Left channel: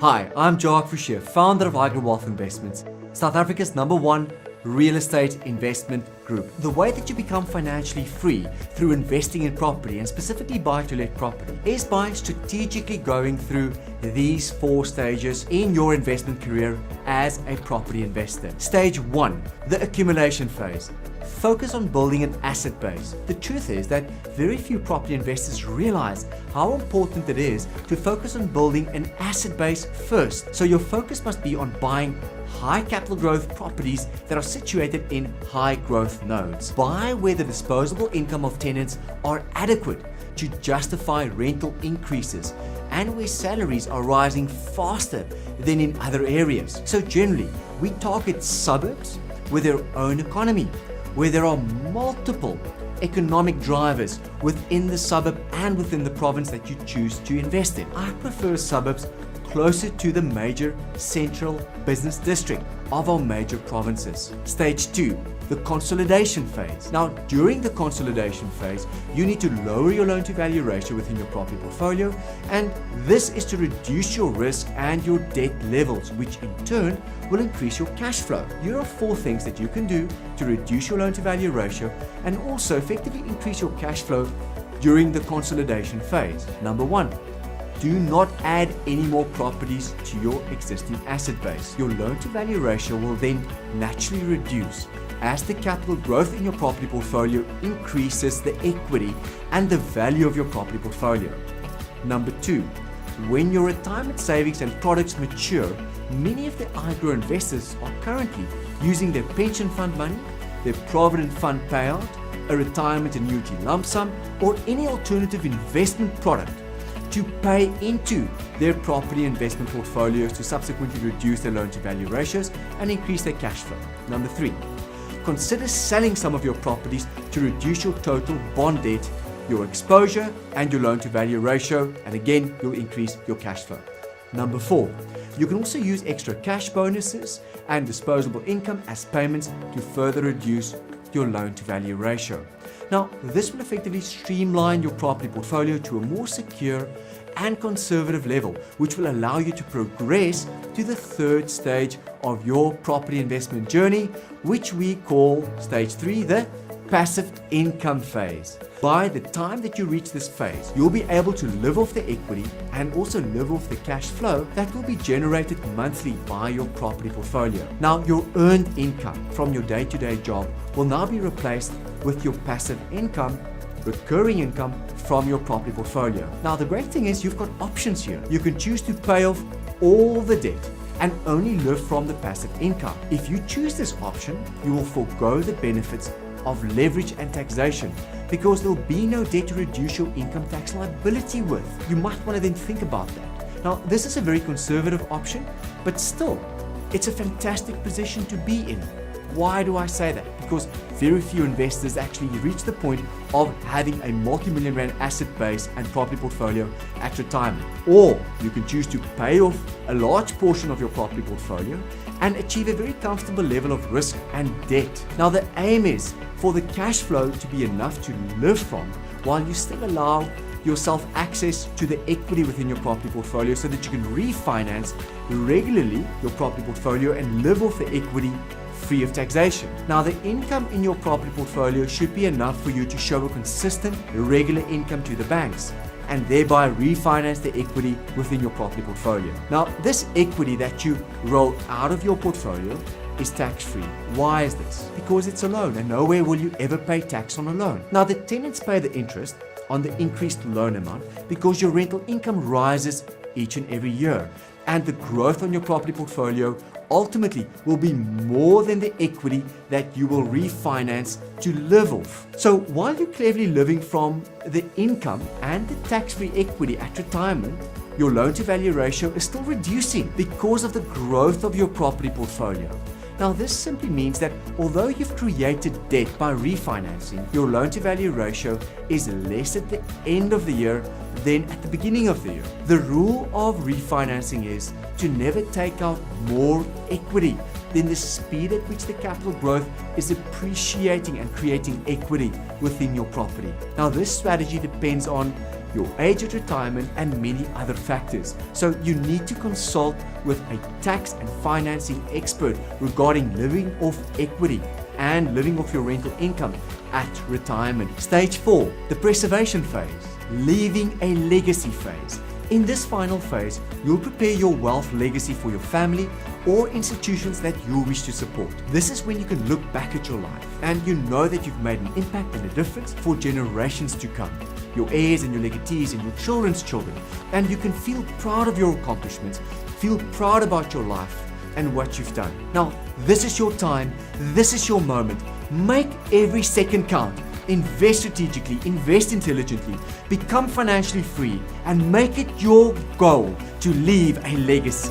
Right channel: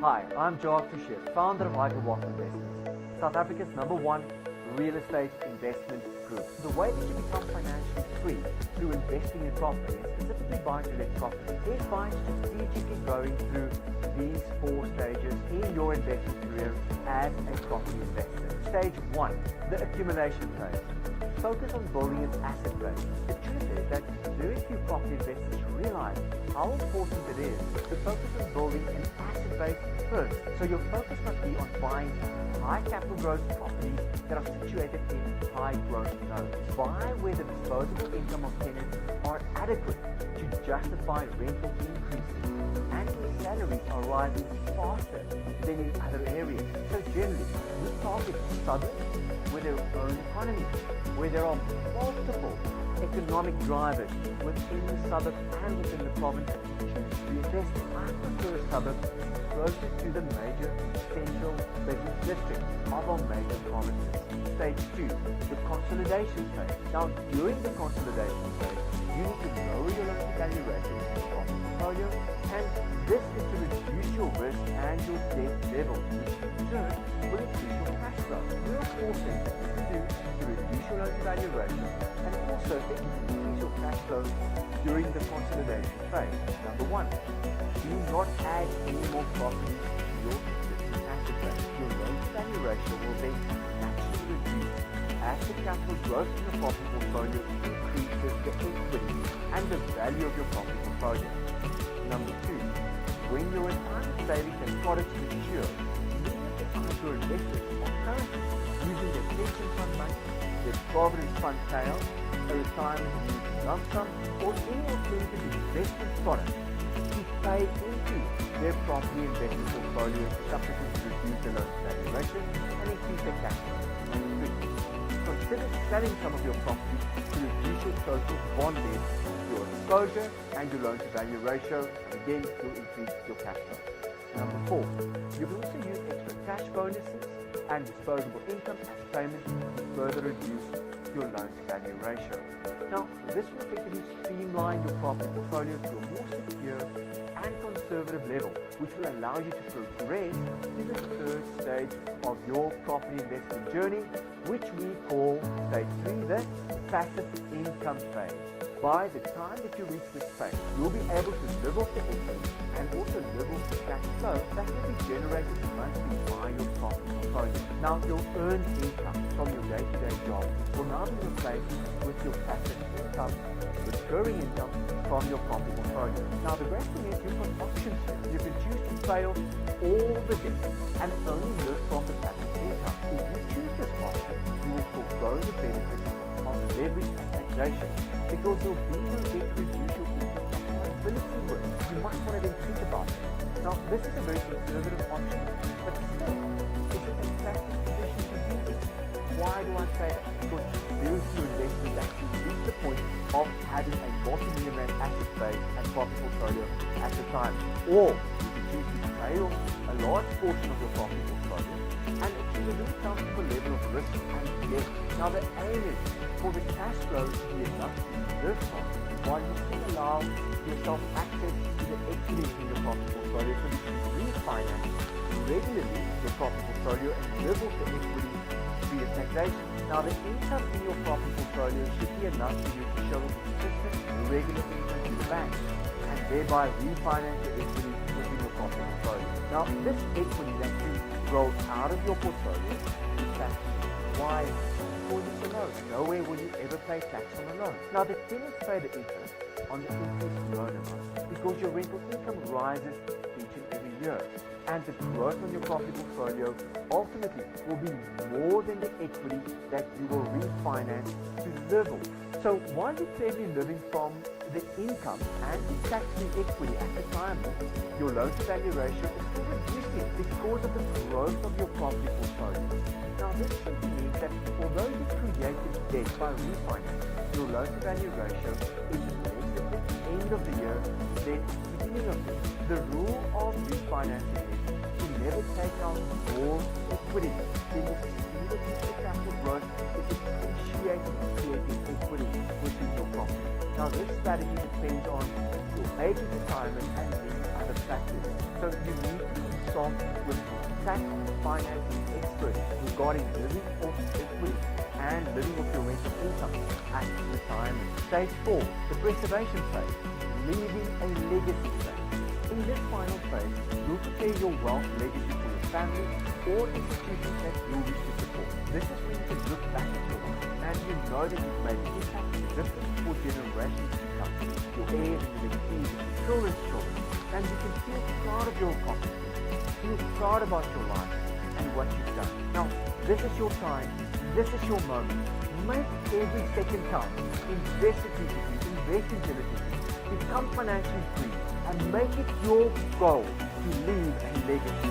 Hi, I'm Joak Fouchier, founder of Hydro Wealth Investments, South Africa's #1 real estate investment group. The way that you become financially free through investing in property, and specifically buy-to-let property, is by strategically going through these 4 stages in your investment career as a property investor. Stage 1, the accumulation phase. Focus on building an asset base. The truth is that very few property investors realize how important it is to focus on building an asset base first. So your focus must be on buying high capital growth properties that are situated in high growth nodes. Buy where the disposable income of tenants are adequate to justify rental increases and where salaries are rising faster than in other areas. So generally, we target suburbs with their own economy, where there are multiple economic drivers within the suburb and within the province that you choose to invest in. I prefer suburbs closer to the major central business district of our major provinces. Stage 2, the consolidation phase. Now, during the consolidation phase, you need to lower your loan to value ratio within your property portfolio, and this is to reduce your risk and your debt levels, which in turn will increase your cash flow. Here are 4 things that you can do to reduce your loan to value ratio and also effectively increase your cash flow during the consolidation phase. Number 1, do not add any more properties to your existing asset base. Your loan to value ratio will then naturally reduce as the capital growth in your property portfolio increases the equity and the value of your property portfolio. Number 2, when your retirement savings and products mature, many of the IGRO investors are currently using their pension fund money, their provident fund payout, a retirement annuity lump sum, or any alternative investment product to pay into their property investment portfolios to subsequently reduce their loan to value ratios and increase their cash flow. Number 3, consider selling some of your properties to reduce your total bond debt, your exposure, and your loan to value ratio, and again, you'll increase your cash flow. Number 4, you can also use extra cash bonuses and disposable income as payments to further reduce your loan to value ratio. Now, this will effectively streamline your property portfolio to a more secure and conservative level, which will allow you to progress to the 3rd stage of your property investment journey, which we call stage 3, the passive income phase. By the time that you reach this phase, you'll be able to live off the equity and also live off the cash flow that will be generated monthly by your property portfolio. Now, your earned income from your day-to-day job will now be replaced with your passive income, recurring income from your property portfolio. Now, the great thing is you've got options here. You can choose to pay off all the debt and only live from the passive income. If you choose this option, you will forego the benefits of leverage and taxation because there will be no debt to reduce your income tax liability with. You might want to then think about that. Now, this is a very conservative option, but still, it's a fantastic position to be in. Why do I say that? Because very few investors actually reach the point of having a multi-million rand asset base and property portfolio at retirement. Or you can choose to pay off a large portion of your property portfolio and achieve a very comfortable level of risk and debt. Now, the aim is for the cash flow to be enough to live from while you still allow yourself access to the equity within your property portfolio so that you can refinance regularly your property portfolio and live off the equity free of taxation. Now, the income in your property portfolio should be enough for you to show a consistent, regular income to the banks and thereby refinance the equity within your property portfolio. Now, this equity that you roll out of your portfolio is tax-free. Why is this? Because it's a loan and nowhere will you ever pay tax on a loan. Now, the tenants pay the interest on the increased loan amount because your rental income rises each and every year, and the growth on your property portfolio ultimately will be more than the equity that you will refinance to live off. So while you're cleverly living from the income and the tax-free equity at retirement, your loan to value ratio is still reducing because of the growth of your property portfolio. Now, this simply means that although you've created debt by refinancing, your loan to value ratio is less at the end of the year than at the beginning of the year. The rule of refinancing is to never take out more equity than the speed at which the capital growth is appreciating and creating equity within your property. Now, this strategy depends on your age at retirement, and many other factors. So you need to consult with a tax and financing expert regarding living off equity and living off your rental income at retirement. Stage 4, the preservation phase, leaving a legacy phase. In this final phase, you'll prepare your wealth legacy for your family or institutions that you wish to support. This is when you can look back at your life and you know that you've made an impact and a difference for generations to come, your heirs and your legatees and your children's children, and you can feel proud of your accomplishments, feel proud about your life and what you've done. Now, this is your time, this is your moment. Make every second count. Invest strategically, invest intelligently, become financially free, and make it your goal to leave a legacy.